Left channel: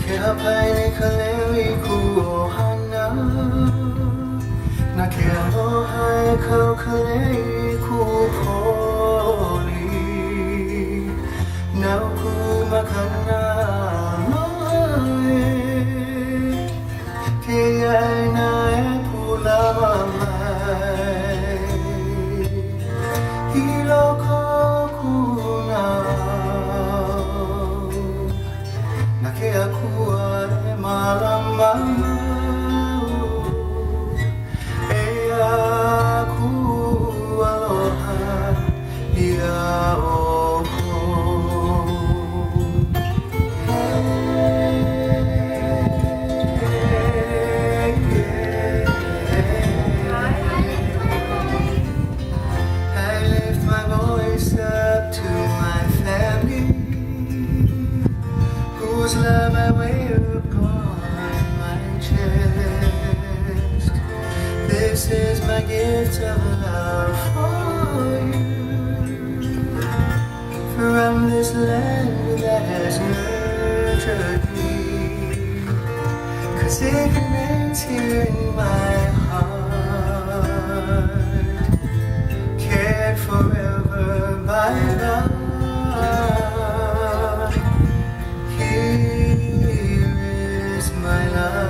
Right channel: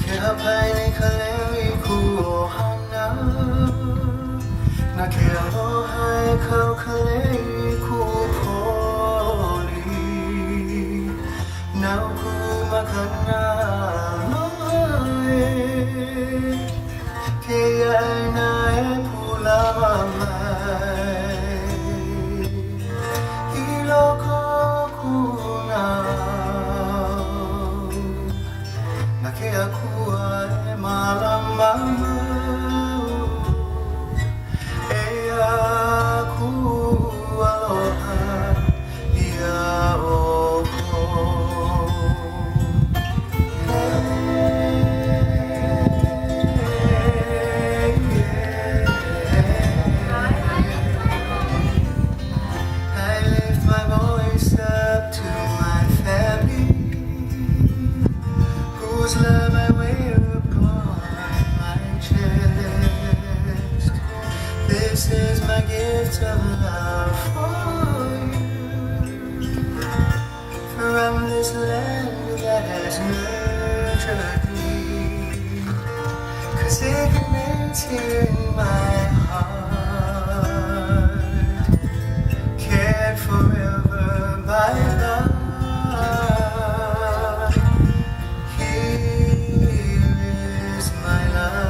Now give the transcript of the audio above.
Kaya kaleli kuohana na kaya hai kau kaleli kupoli na ku makana mai kaya na pula mai hiloko kuna na kaya kuare malama eya ku aloha ia oko I lift my voice up to my family whose love I wear upon my chest. This is my gift of love for you from this land that has nurtured me. 'Cause it remains here in my heart, cared forever by God. Here is my love.